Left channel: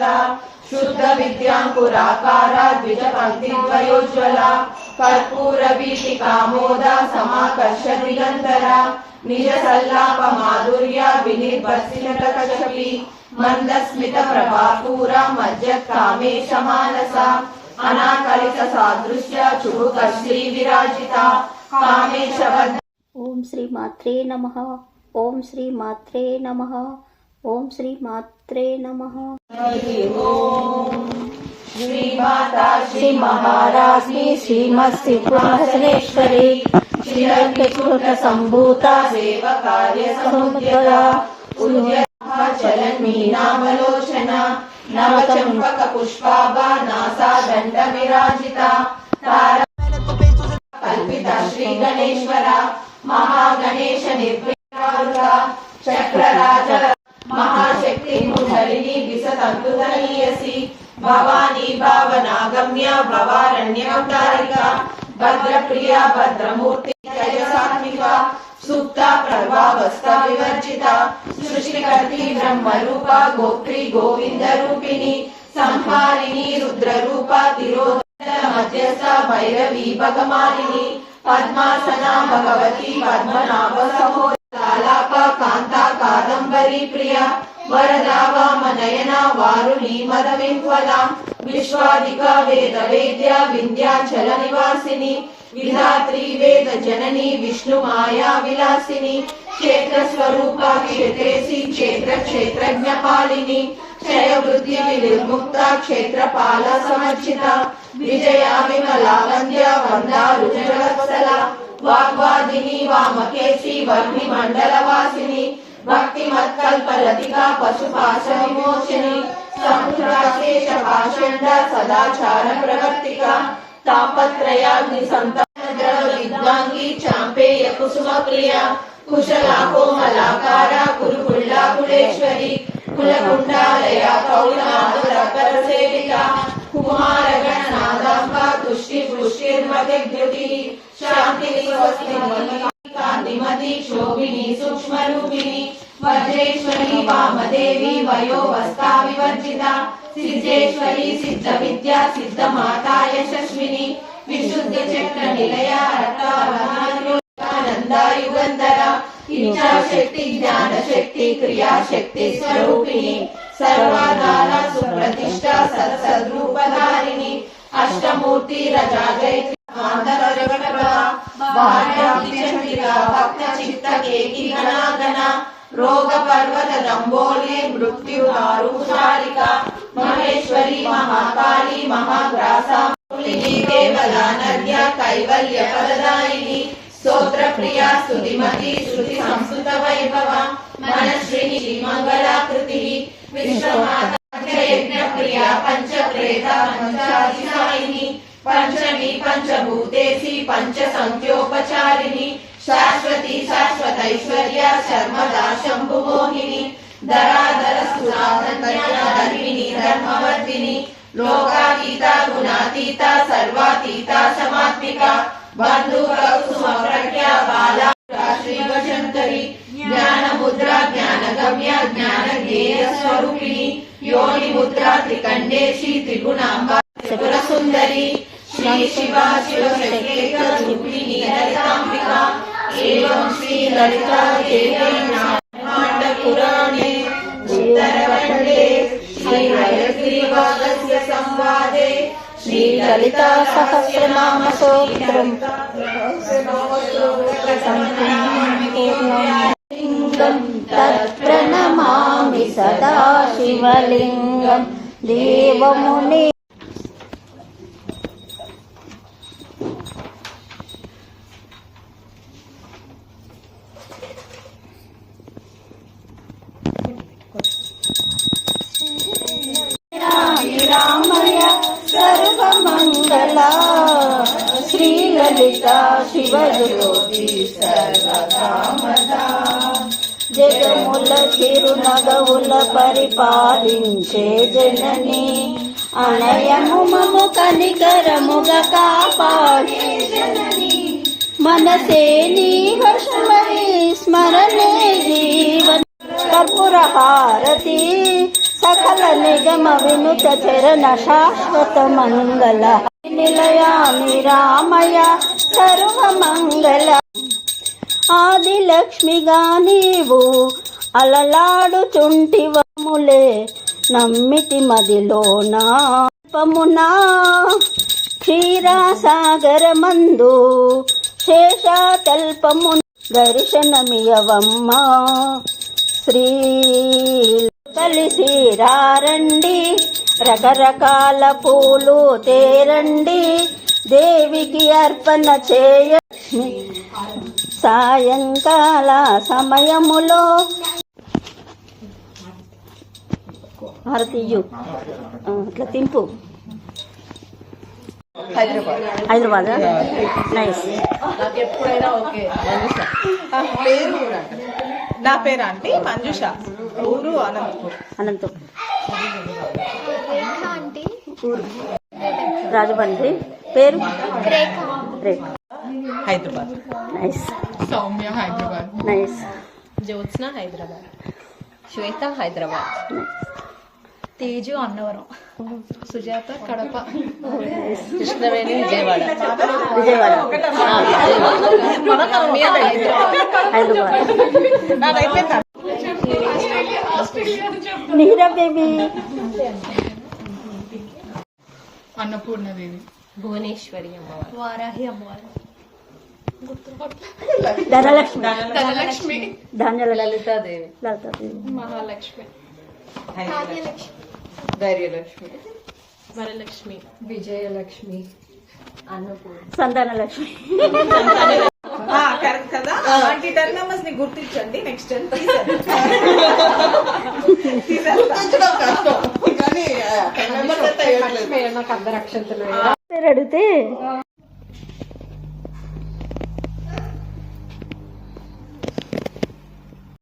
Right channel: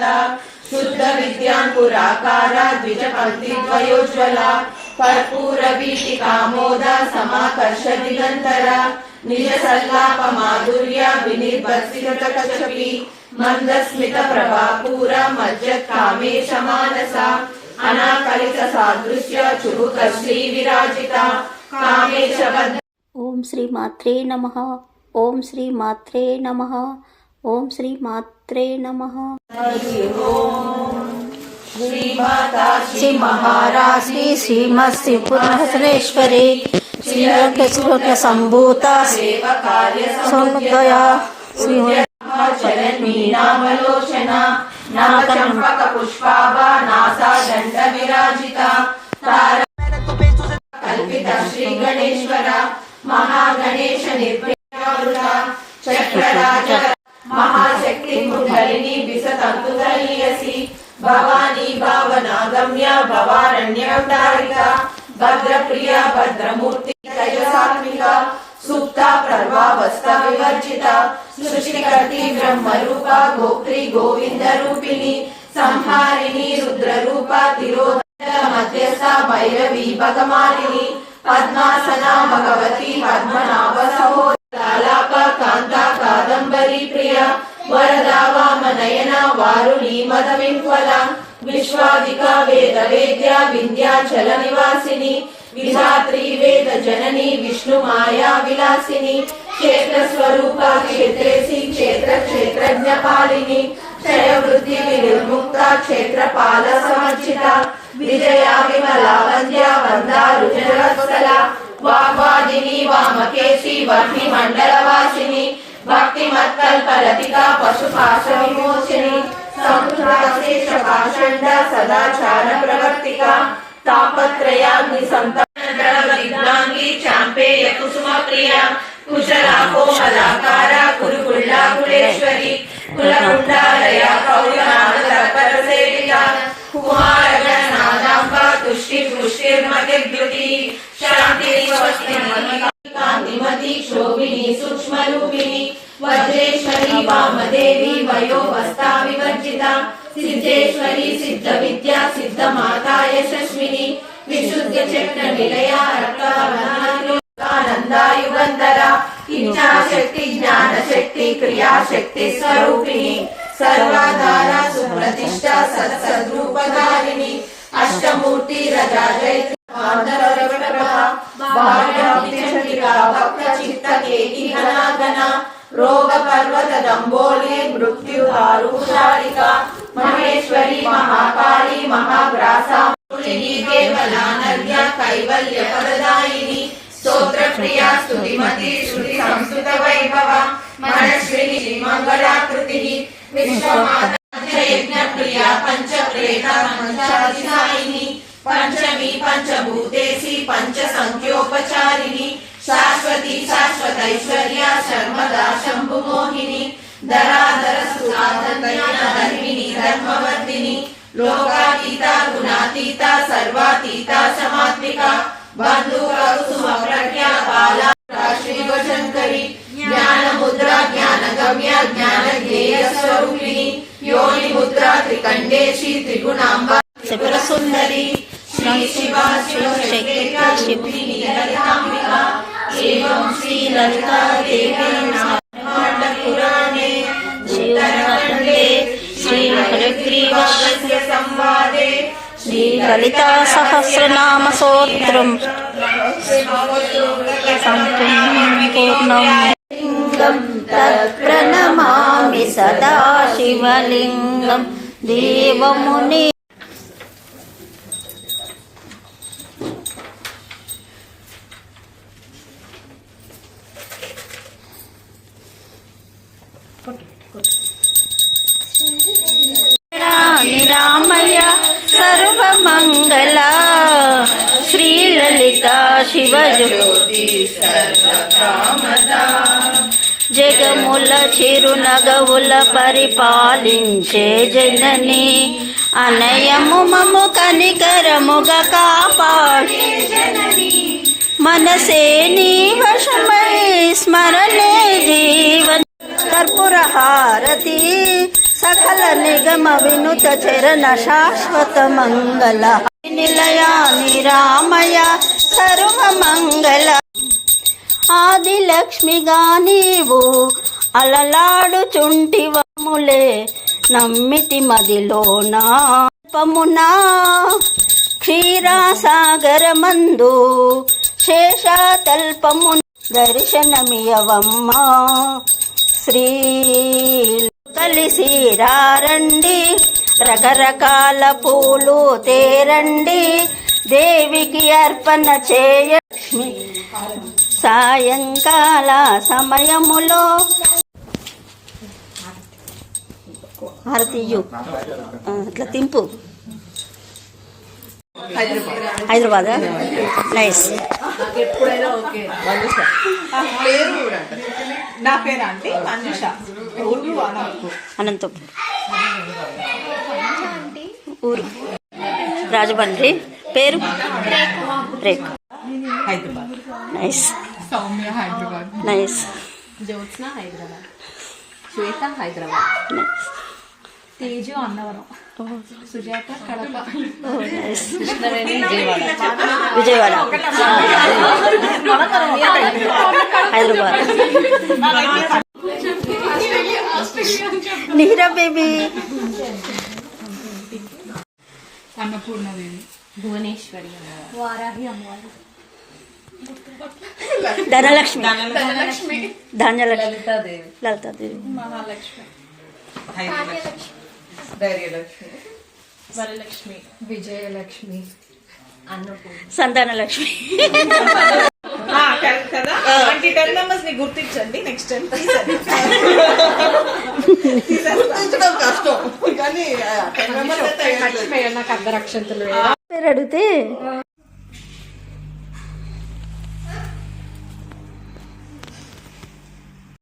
सदा शुद्ध विद्यांकुराकारा द्विजपङ्क्तिद्वयोज्ज्वला कर्पूरवीटिकामोदा समाकर्ष दिगन्तरा निज सल्लाप माधुर्य विनिर्वसितकचपि मंदस्मित प्रभापूरा मज्जत् कामेश मानसा अनाकलित सादृश्य चुबुकश्री विराजिता कामेश वद। ओम श्री मात्रे नमः। ओम श्री मात्रे नमः। ओम श्री मात्रे नमः। श्री माता श्री महाराज श्रीमस्ति पुरस्वरेश्वरी श्री रंगस्फुट संभूता सेवकार्य समुदया चरणी नामलोचना नवचंपक पुष्पाभा नासा दंड विराजिता कल्पिता श्री गणेश्वरा महागणेश निर्भया चक्रराज महाशक्ति कुंडलिनी विसतंतुदलीयसी भवानी भावनागम्या भवारण्यवतारिका भद्रप्रिया भद्रमूर्ति तेजसात्मिका सुप्ता प्रभावस्था विवर्जिता सृष्टिकर्त्री ब्रह्मरूपा गोत्री गोविंद रूपिणी संहारिणी रुद्ररूपा तिरोधन मध्यस्था भैरवी भगमालिनी पद्मासना भगवती पद्मनाभ सहोदरालाप कांता कादंबरी प्रिया वरदा वामनयना वारुणी मदविह्वला विश्वादिका वेद वेद्या विंध्याचल निवासिनी विधात्री वेद जननी विष्णु माया विलासिनी क्षेत्र स्वरूपा क्षेत्रेसी क्षेत्र क्षेत्रज्ञ पालिनी क्षय वृद्धि विनिर्मुक्ता क्षेत्रपाल समर्चिता विजया विमला वंद्या वंदारुजनवत्सला वाग्वादिनी वामकेशी वर्णि मंडलवासिनी भक्ति मत्कल्पलतिका पशुपाश विमोचिनी समुद्राशेष पाषण्ड सदाचार प्रवर्तिका तापत्रयाग्नि संतप्त विद्वांगी चांपेय कुसुम प्रिया कुशला कोमलाकारा कुरुकुल्ला कुलेश्वरी कुलकुंडालया कौलनादपर सेविता कुमारगणनादांबा तुष्टि पुष्टिर्मतिर्द्युति शांति स्वस्ति कांतिमती शोभिनी सूक्ष्म रूपिणी वज्रेश्वरी वामदेवी वयोवस्था विवर्जिता सिद्धेश्वरी सिद्ध विद्या सिद्ध माता यशस्विनी विशुद्ध चक्र निलया आनंदा युगंधरा इच्छा शक्ति ज्ञान शक्ति क्रिया शक्ति स्वरूपिणी सर्वाधारा सुप्रतिष्ठा सत्सद्रूपधारिणी अष्टमूर्ति रजा जयत्री भक्त चित्त केकी घना रोग पर्वत दंबोली मृत्यु दारुशारिका महेश्वरी महाकाली महाग्रासा केवलानर्या कैवल्य पददायिनी स्तोत्र प्रिया स्तुतिमती श्रुति संस्कृत वैभव मनस्विनी श्रीमंगलाकृति विश्वमाता यज्ञ प्रिया पंच प्रेता पंचाधिसायिनी पंचमी पंचभूतेसी पंच संख्योपचारिणी शाश्वती शाश्वतैश्वर्या शर्मदा शंभु मोहिनी धराधर सुराधर्मिणी धर्मवर्धिनी लोकातीता गुणातीता सर्वातीता समात्मिका बंधुक कुसुम प्रज्ञा बाला श्रीवशंकरी ज्ञान मुद्रा ज्ञान गम्या ज्ञान ज्ञेय स्वरूपिणी योनि मुद्रा त्रिकंडेशी त्रिगुणांबा त्रिपुर सुंदरी श्री शिवा शिवशक्ति ललितांबिका एवं श्री ललिता देवी नारायण पुराणे शिवखंडे श्री हयग्रीवस्य संवादे श्री ललिता सहस्रनाम स्तोत्रम् संपूर्णं तत्प्रणमामि सदा शिवलिंगं देवमुनि शिवज्योति सर्वकामदा జగముల చిరునగవుల పరిపాలించే జనని అనయము మము కనికరముగా కాపాడే జనని మనసే నీ వశమై స్మరణే జీవన కర్పూర హారతి సకల నిగమ వినుత చరణ శాశ్వత మంగళ నిలయ నిరామయ సర్వ మంగళ ఆది లక్ష్మిగా నీవు అలలాడుచుంటివములే నమ్మితి మదిలోనా పమునా క్షీరాసాగరమందు శేషాతల్పము దర్శనమియవమ్మా శ్రీ కలిసిరారండి రకరకాల పూలు తేరండి దేవికి అర్పణ చేయ లక్ష్మి సాయంకాల సమయములో హారతియు అట్లా తింపు హైదరాబాద్ నైస్ నాకు ఎప్పుడైనా ఓకే పేరు కూడా నా పేరు అంటే మంజుష ఊరు అనంతపురం ఊరు రాజమండ్రి పేరు రేఖ హైదరాబాద్ నైస్ సౌమ్య హైదరాబాద్ నైస్ జ్యోత్స్న హైదరాబాద్ శ్వేత హైదరాబాద్ తేజు అన్నవరం సుజాత కడప కృష్ణవేణి విజయవాడ విజయవాడ హైదరాబాద్ నీరా బేబీ అన్నపూర్ణదేవి భువనేశ్వరి వారాహి అమ్మవారు ధనలక్ష్మి ధాన్యలక్ష్మి లలితాదేవి లలితాదేవి మహాలక్ష్మి ధైర్యలక్ష్మి వరలక్ష్మి విజయలక్ష్మి అన్నపూర్ణ సంతానలక్ష్మి కరెక్ట్ కదా అలాంటి 10 మెంబర్స్ ని గుర్తించండి నెక్స్ట్ టైం కష్టం కానీ 10 మెంబర్స్ అయితే నాకు అందరు అక్షంతలు పేరు అడిగితే